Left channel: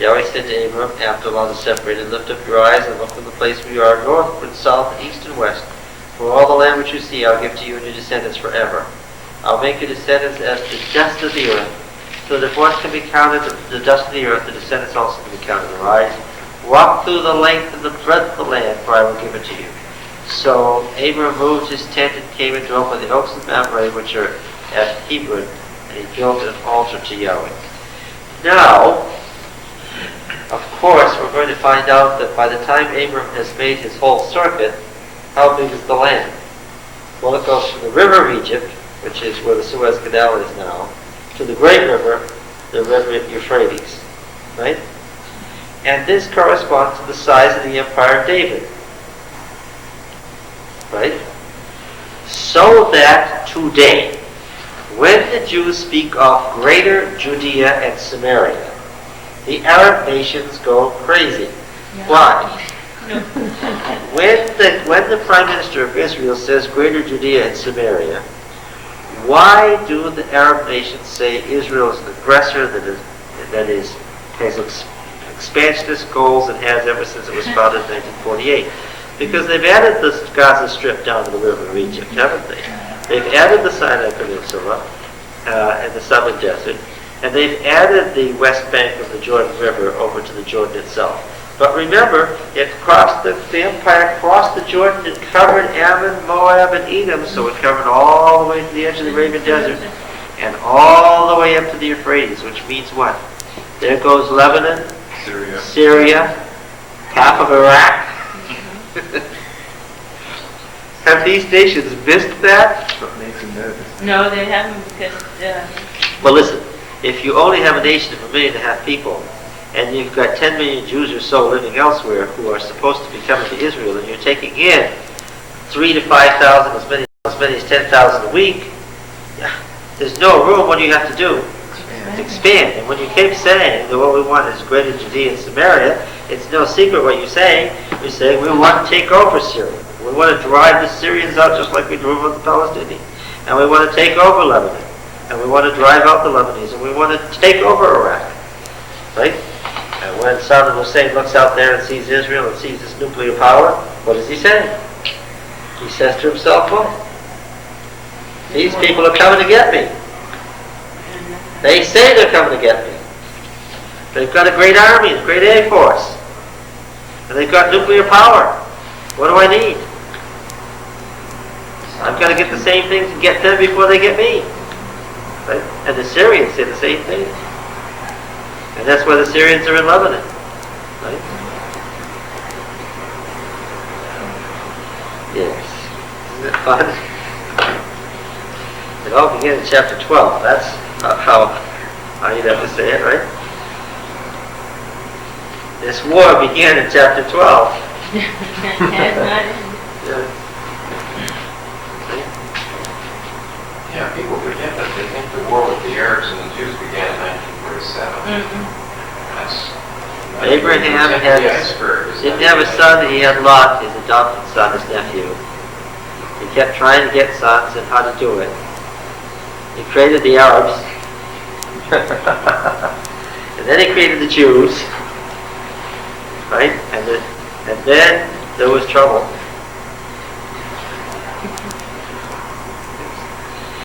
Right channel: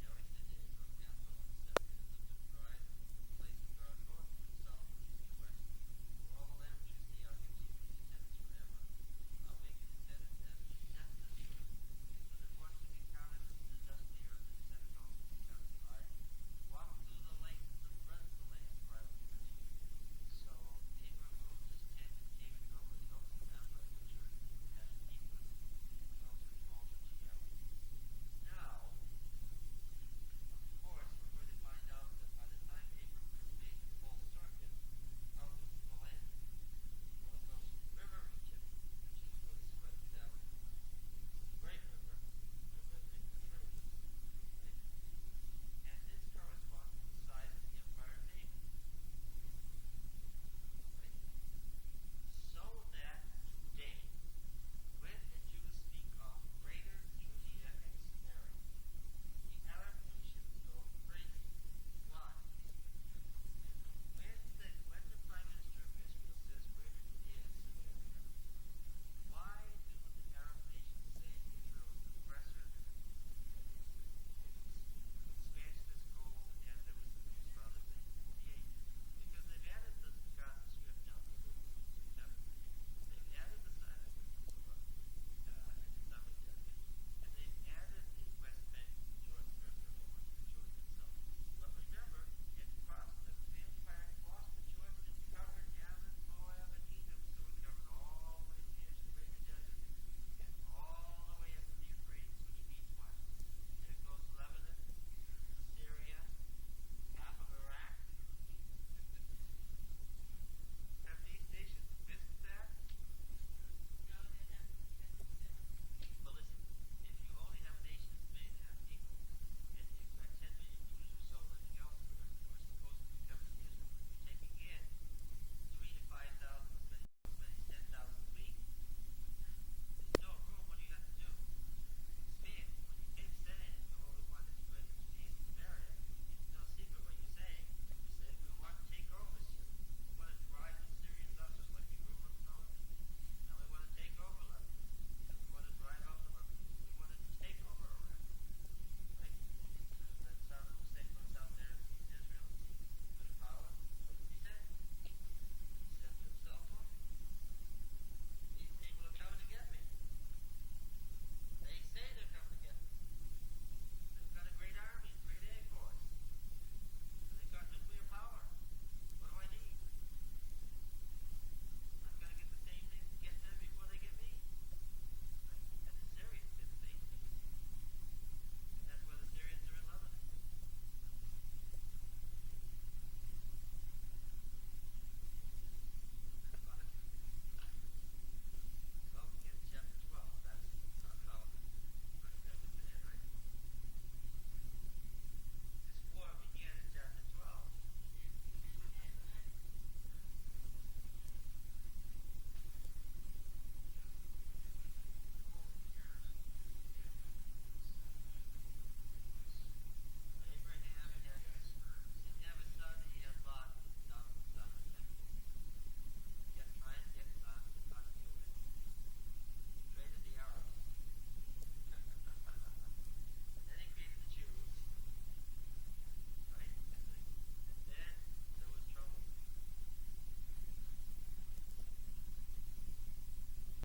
Yahweh said to Abram, after the lot is separated, lift up your eyes and look from the place where you are, northward, south, east, and west. For all the land which you see, I'll give to you and your descendants forever. I'll make your descendants as the dust of the earth. So that if one can be counted, the dust of the earth, the descendants also can be counted. Arise, walk through the length and the breadth of the land, for I will give it to you. So Abram moved his tent and came and dwelt by the oaks of Mamre, which are at Hebron, and he built an altar to Yahweh. Now, of course, we're going to find out that by the time Abram has made his whole circuit, how big is the land? Well, it goes from the river of Egypt, which is where the Suez Canal is now, to the great river, the river Euphrates, right? And this corresponds to the size of the empire of David, right? So that today, when the Jews speak of Greater Judea and Samaria, the Arab nations go crazy. Yeah. Why? When the Prime Minister of Israel says Greater Judea and Samaria, why do the Arab nations say Israel is an aggressor that has expansionist goals and has ever since it was founded in 1948? Because they've added the Gaza Strip down to the river of Egypt, haven't they? They've added the Sinai Peninsula and the Southern Desert, and they've added the west bank of the Jordan River over to the Jordan itself. But remember, it crossed the empire crossed the Jordan, it covered Ammon, Moab, and Edom, so it covered all the way to the edge of the Arabian Desert, and all the way up to the Euphrates, which means what? There goes Lebanon, Syria, half of Iraq. Have these nations missed that? No, they haven't, because... Well, listen, if you only have a nation of 1.5 million people, and you've got 10 million Jews or so living elsewhere who are supposed to be coming to Israel, and you're taking in 3,000 to 5,000, as many as 10,000 a week, there's no room. What do you have to do? Expand. And when you keep saying that what we want is Greater Judea and Samaria, it's no secret what you're saying. You're saying we want to take over Syria. We want to drive the Syrians out just like we drove out the Palestinians. And we want to take over Lebanon. And we want to drive out the Lebanese. And we want to take over Iraq. Right? And when Saddam Hussein looks out there and sees Israel and sees this nuclear power, what does he say? He says to himself, well, these people are coming to get me. They say they're coming to get me. They've got a great army, a great air force. And they've got nuclear power. What do I need? I've got to get the same things and get them before they get me. Right? And the Syrians say the same thing. And that's why the Syrians are in Lebanon. Right? Yes. Isn't it fun? It all began in chapter 12. That's how you'd have to say it, right? This war began in chapter 12. Yeah, people forget that they think the war with the Arabs and the Jews began in 1947. Abraham didn't have a son, he had Lot, his adopted son, his nephew. He kept trying to get sons and how to do it. He created the Arabs. And then he created the Jews. Right? And then there was trouble.